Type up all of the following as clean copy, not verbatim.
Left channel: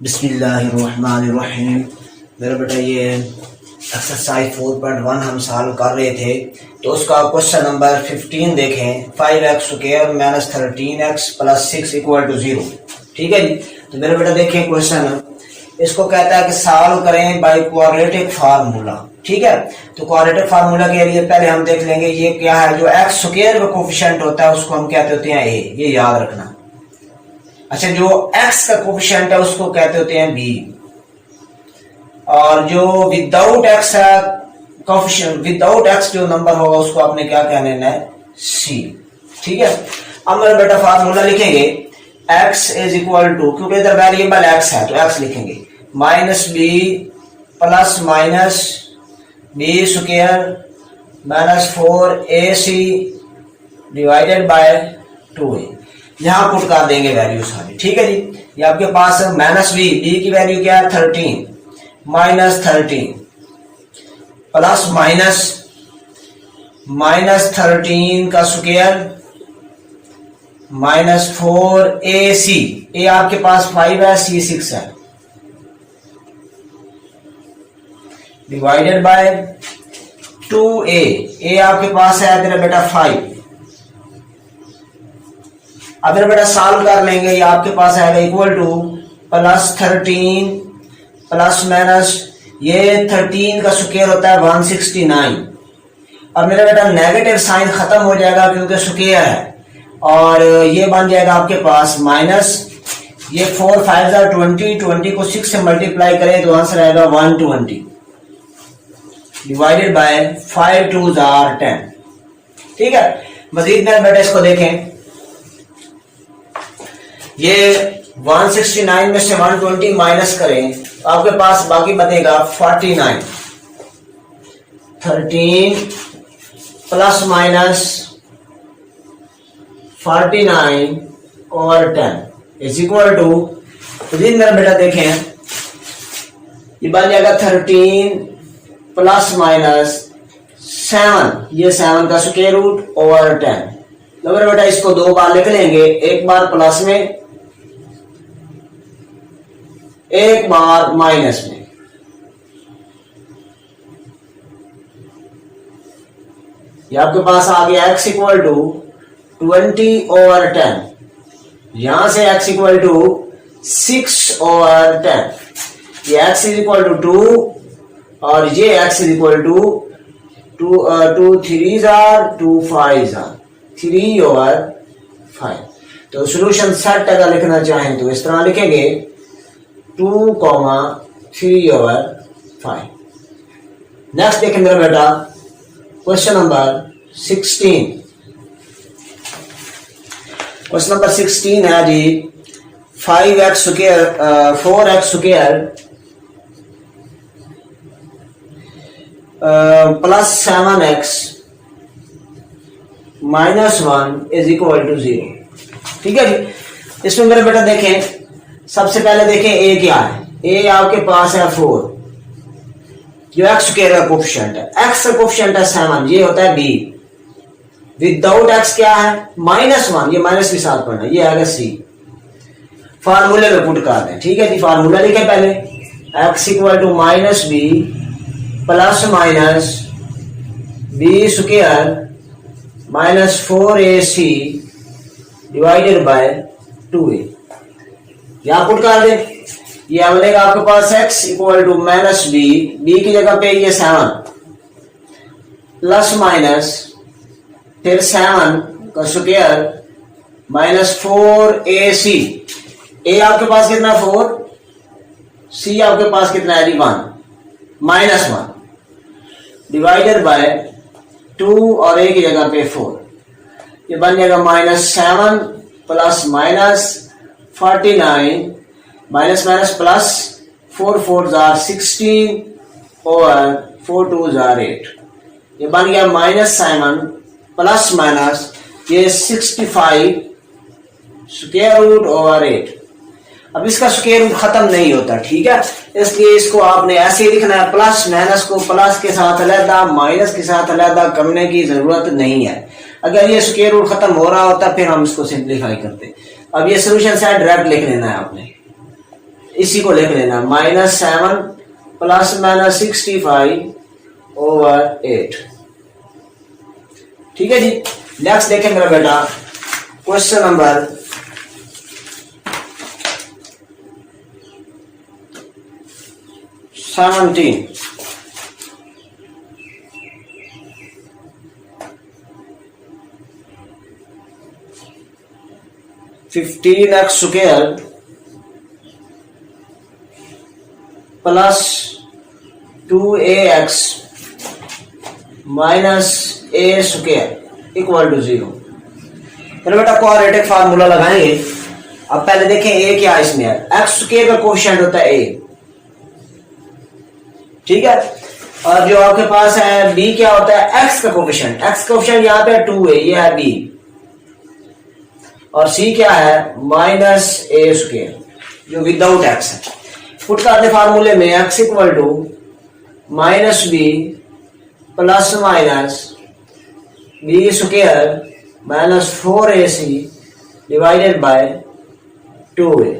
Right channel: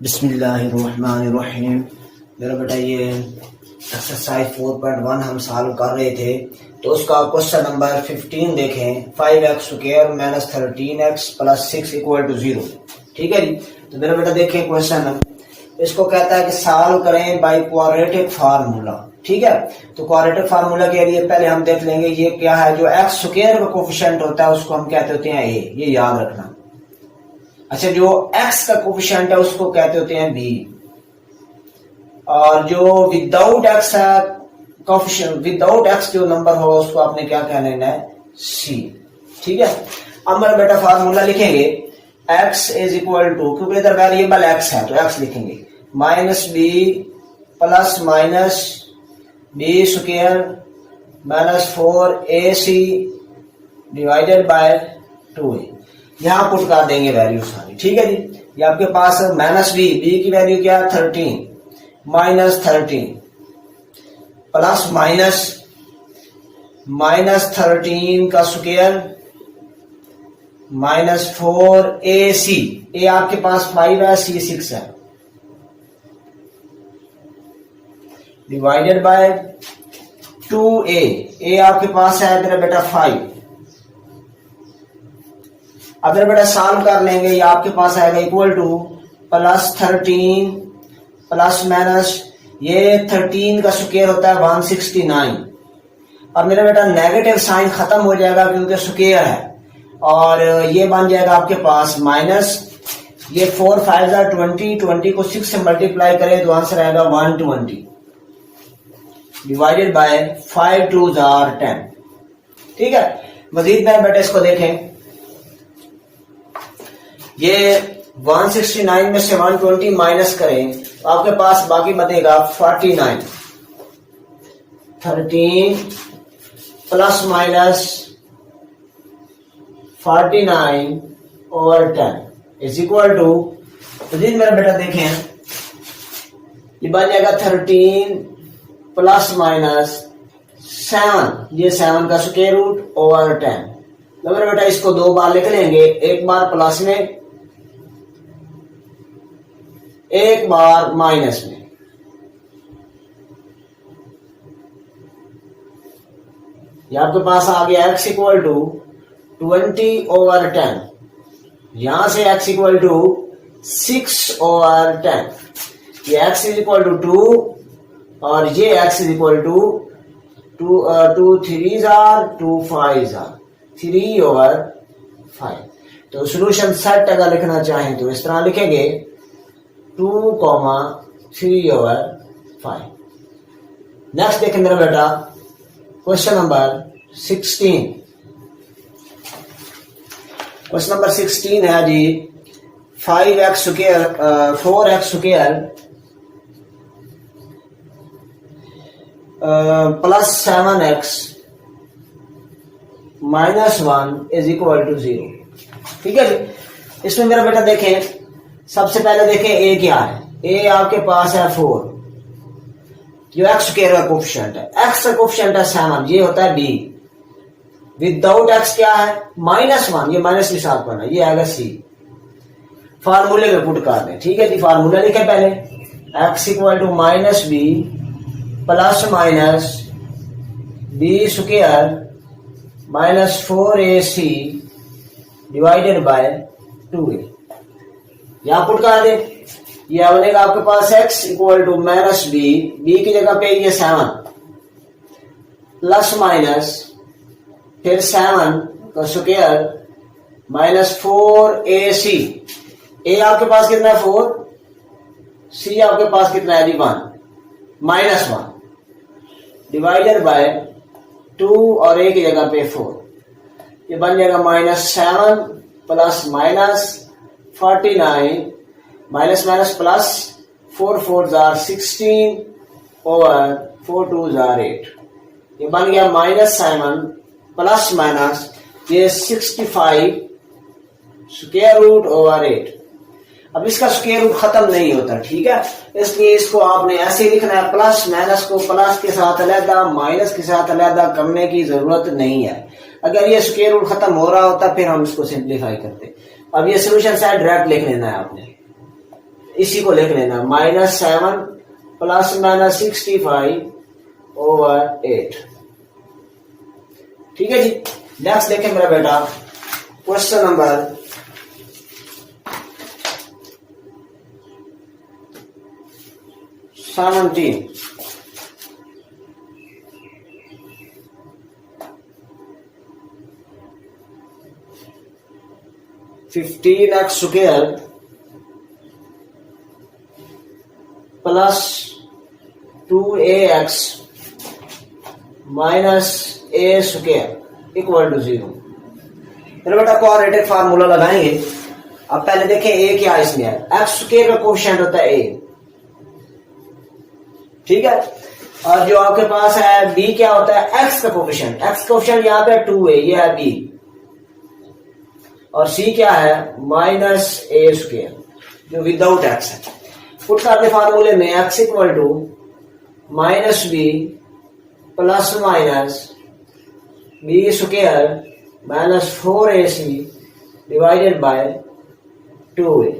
बिस्मिल्लाहिर्रहमानिर्रहीम। मेरा बेटा ये एक्सरसाइज 4.1 हम सॉल्व कर रहे थे, तो उसका क्वेश्चन नंबर 15 देखें। 5x square minus 13x plus 6 equal to 0। ठीक है जी। तो मेरा बेटा देखें क्वेश्चन, इसको कहता है कि सॉल्व करें बाय क्वाड्रेटिक फार्मूला। ठीक है, तो क्वाड्रेटिक फार्मूला के लिए पहले हम देख लेंगे ये क्या है। जो एक्स स्क्वायर का कोफिशिएंट होता है उसको हम कहते होते हैं ए, ये याद रखना। अच्छा, जो x का कोफिशिएंट है उसको कहते होते हैं b, और जो विदाउट x है कोफिशिएंट, विदाउट x जो नंबर होगा उसको आपने क्या कहना है, c। ठीक है, अब मेरा बेटा फार्मूला लिखेंगे x इज इक्वल टू, क्योंकि इधर वेरिएबल x है तो x लिखेंगे, minus b plus minus b square minus 4ac divided by 2a। यहां पुट कर देंगे वैल्यू सारी। ठीक है जी, ये आपके पास माइनस बी की वैल्यू क्या है 13, माइनस 13 प्लस माइनस माइनस 13 का स्क्वायर माइनस 4ac, ए आपके पास 5 है, c 6 है, डिवाइडेड बाय 2a, ए आपके पास है तेरा बेटा 5। अब मेरा बेटा सॉल्व कर लेंगे, ये आपके पास आएगा equal two plus 13 plus minus, ये 13 का स्क्वायर होता है 169। अब मेरा बेटा नेगेटिव साइन खत्म हो जाएगा क्योंकि स्क्वायर है, और ये बन जाएगा आपके पास माइनस, ये 4 5 20, 20 को 6 से मल्टीप्लाई करें तो आंसर आएगा 120 डिवाइडेड बाय 5 2 10। ठीक है, मजीद मेरा बेटा इसको देखें, ये 169 में से 120 माइनस करें तो आपके पास बाकी बचेगा 49। 13 प्लस माइनस 49 और 10 इज इक्वल टू, मेरा बेटा देखें ये बन जाएगा 13 प्लस माइनस 7, ये 7 का स्क्वायर रूट ओवर 10। तो मेरा बेटा इसको दो बार लिख लेंगे, एक बार प्लस में एक बार माइनस में। ये आपके पास आ गया x इक्वल टू 20 ओवर 10, यहां से x इक्वल टू 6 ओवर 10, ये x इज इक्वल टू 2 और ये x is equal to 2 3 2 5 3 over 5। तो सोल्यूशन सेट अगर लिखना चाहें तो इस तरह लिखेंगे 2, 3 ओवर 5। नेक्स्ट देखें मेरा बेटा क्वेश्चन नंबर 16। क्वेश्चन नंबर 16 है जी 5x square 4x square plus 7x minus 1 is equal to 0। ठीक है जी, इसमें मेरा बेटा देखें, सबसे पहले देखें ए क्या है। ए आपके पास है 4, जो एक्स स्क्वायर का कोफिशिएंट है, एक्स का कोफिशिएंट है 7, ये होता है बी। विदाउट एक्स क्या है -1, ये माइनस के साथ पढ़ना, ये आएगा सी। फार्मूले में पुट कर दें। ठीक है जी, फार्मूला लिखे पहले, x equal to minus b plus minus b square minus 4ac divided by 2a। यहां पुट कर दें, ये बनेगा आपके पास x equal to minus b की जगह पे ये 7 प्लस माइनस फिर 7 का स्क्वायर माइनस 4ac। ए आपके पास कितना 4, सी आपके पास कितना है 1 माइनस 1 डिवाइडेड बाय 2 और ए की जगह पे 4, ये बन जाएगा minus 7 plus minus 49 minus minus plus 4 4 16 और 4 2 8, ये बन गया माइनस 7 प्लस माइनस ये 65 स्क्वायर रूट ओवर 8। अब इसका स्क्वायर रूट खत्म नहीं होता, ठीक है, इसलिए इसको आपने ऐसे ही लिखना है, प्लस माइनस को प्लस के साथ अलग माइनस के साथ अलग करने की जरूरत नहीं है। अगर ये स्क्वायर रूट खत्म हो रहा होता फिर हम इसको सिंप्लीफाई करते। अब ये सोल्यूशन सेट डायरेक्ट लिख लेना है आपने। इसी को लिख लेना -7 ± 65/8। ठीक है जी। नेक्स्ट देखें मेरा बेटा, question number 17। (15x² plus 2ax minus a² equal to 0। चलो बेटा क्वाड्रेटिक फार्मूला लगाएंगे। अब पहले देखें a क्या है इसमें। x² का कोएफिशिएंट होता है a, ठीक है। और जो आपके पास है b क्या होता है, x का कोएफिशिएंट। x का कोएफिशिएंट यहाँ पे 2 है, ये है b। और c क्या है, -a² जो विदाउट x है। पुट करते फार्मूले में x equal to -b plus minus b² minus 4ac divided by 2a।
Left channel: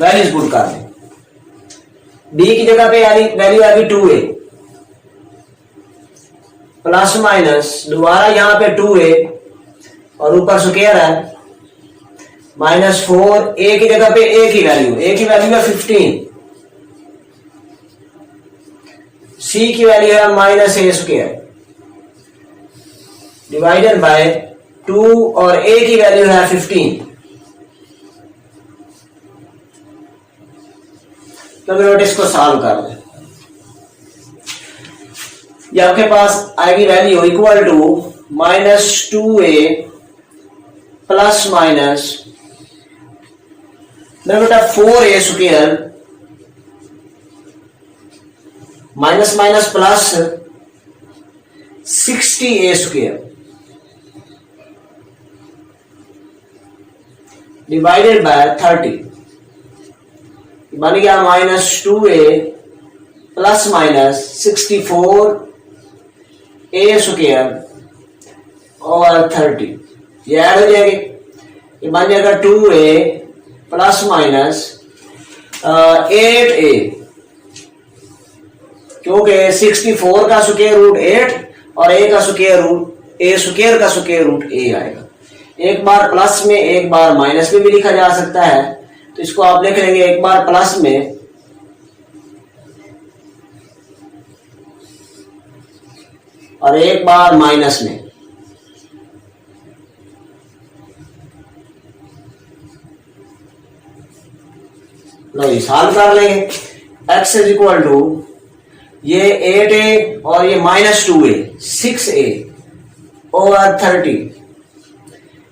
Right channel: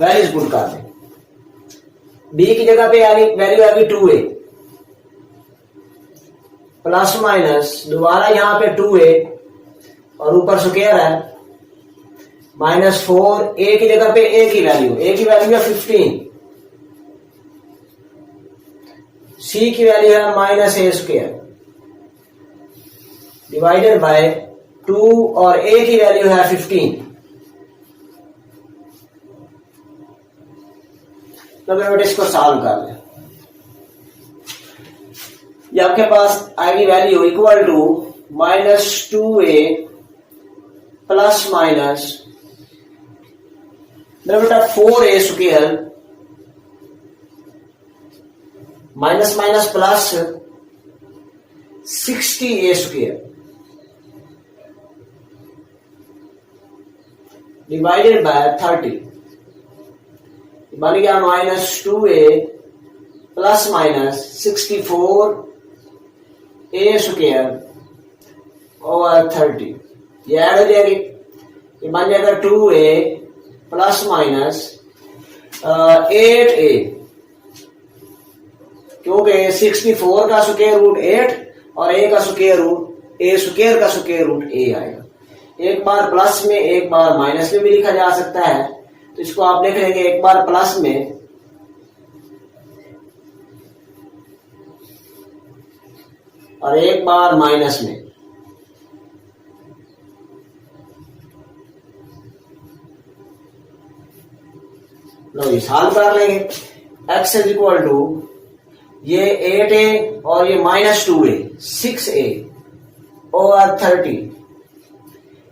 Values put कर दें। b की जगह पे वैल्यू आ गई 2a प्लस माइनस दोबारा यहां पे 2a और ऊपर स्क्वायर है -4। a की जगह पे a की वैल्यू है 15। c की वैल्यू है -a² डिवाइडेड बाय 2 और a की वैल्यू है 15। तो बेटा इसको सॉल्व कर लें। ये आपके पास आएगी value equal to -2a plus minus बेटा 4a² minus minus plus 60a² divided by 30 बन गया -2a plus minus 64a² over 30। ये ऐड हो जाएगी, ये बन जाएगा 2a प्लस माइनस 8a, क्योंकि 64 का स्क्वायर रूट 8 और a का स्क्वायर रूट a आएगा। एक बार प्लस में एक बार माइनस में भी लिखा जा सकता है, तो इसको आप लिख लेंगे एक बार प्लस में और एक बार माइनस में। लो ये सॉल्व कर लेंगे। x इज इक्वल टू ये 8a और ये -2a 6a ओवर 30।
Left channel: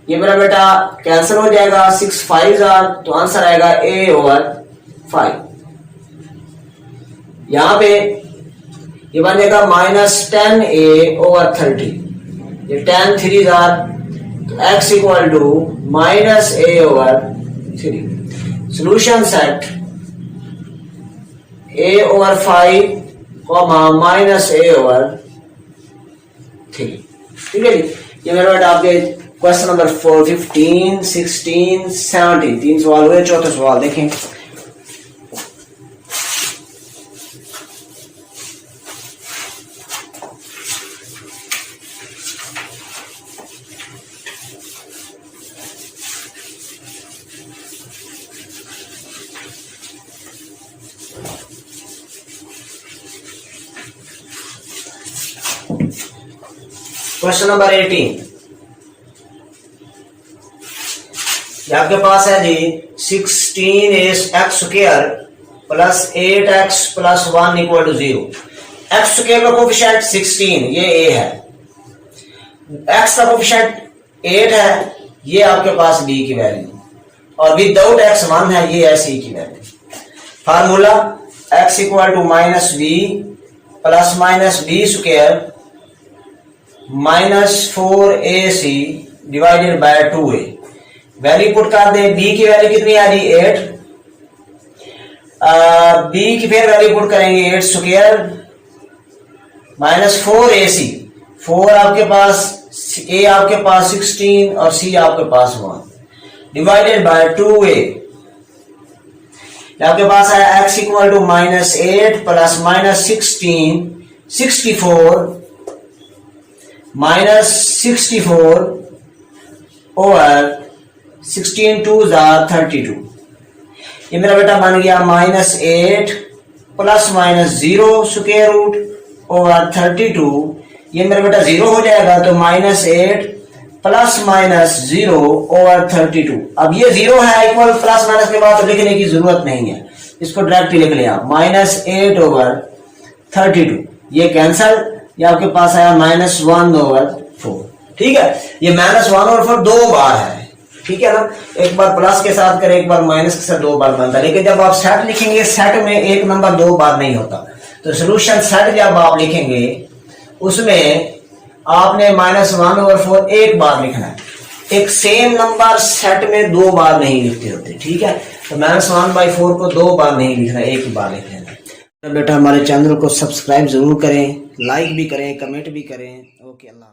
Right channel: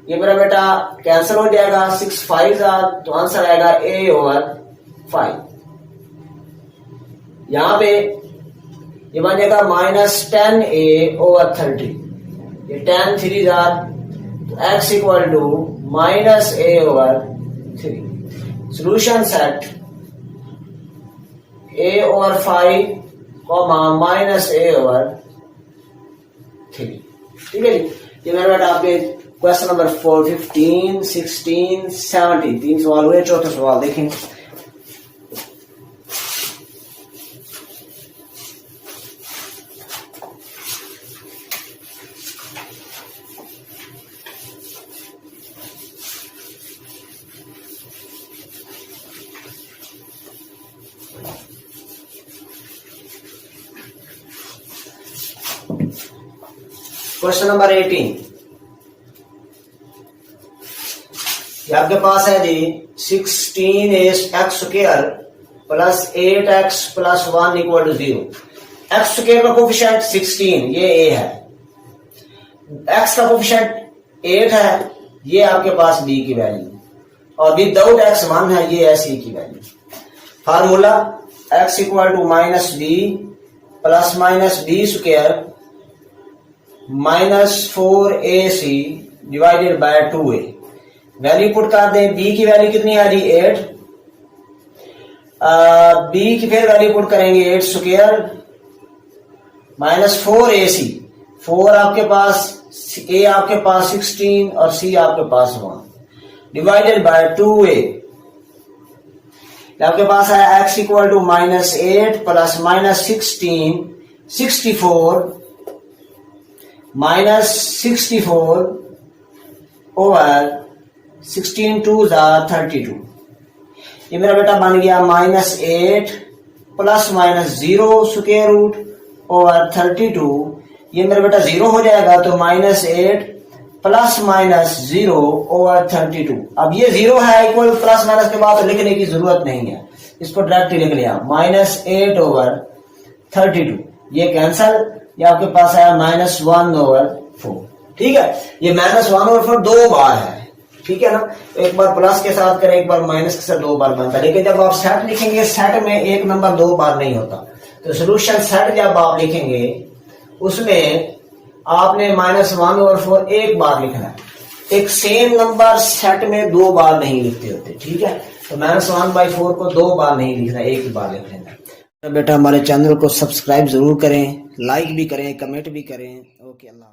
ये मेरा बेटा कैंसिल हो जाएगा, 6 5 तो आंसर आएगा a ओवर 5। यहां पे ये बन जाएगा -10a ओवर 30। ये 10 3 तो x equal to -a over 3। Solution set a over 5 -a over 3। ठीक है जी। ये मेरा बेटा आपके क्वेश्चन नंबर 4, 15, 16, 17 तीन सवाल हुए। चौथा सवाल देखें। क्वेश्चन नंबर 18 आपके पास है जी 16x² plus 8x plus 1 equal to 0। x² का कोफिशिएंट 16 ये a है, x का कोफिशिएंट 8 है, ये आपके पास b की वैल्यू, और विदाउट x 1 है, ये है c की value. Formula x equal to -b plus minus b² -4ac divided by 2a। Value put कर दें। b की वैल्यू कितनी आ रही 8, b की फिर वैल्यू पुट करेंगे 8² -4ac। 4 आपके पास, a आपके पास 16 और c आपके पास 1 डिवाइडेड बाय 2a। आपके पास है x equal to -8 plus -16 64 -64 over 16 2 32। ये मेरा बेटा बन गया -8 प्लस -0 स्क्वायर रूट ओवर 32। ये मेरा बेटा 0 हो जाएगा तो -8 प्लस -0 ओवर 32। अब ये 0 है इक्वल प्लस माइनस के बाद तो लिखने की जरूरत नहीं है, इसको डायरेक्ट लिख लिया -8 ओवर 32। ये कैंसल, ये आपके पास आया -1 ओवर 4। ठीक है, ये -1 ओवर 4 दो बार है, ठीक है ना। एक बार प्लस के साथ करें, एक बार माइनस के साथ दो बार बनता है। लेकिन जब आप सेट लिखेंगे, सेट में एक नंबर दो बार नहीं होता, तो सोल्यूशन सेट जब आप लिखेंगे उसमें आपने -1 ओवर 4 एक बार लिखना है। एक सेम नंबर सेट में दो बार नहीं लिखते होते, ठीक है। तो -1/4 को दो बार नहीं लिखना, एक बार लिख लेना। बेटा हमारे चैनल को सब्सक्राइब जरूर करें, लाइक भी करें, कमेंट भी करें। ओके, अल्लाह।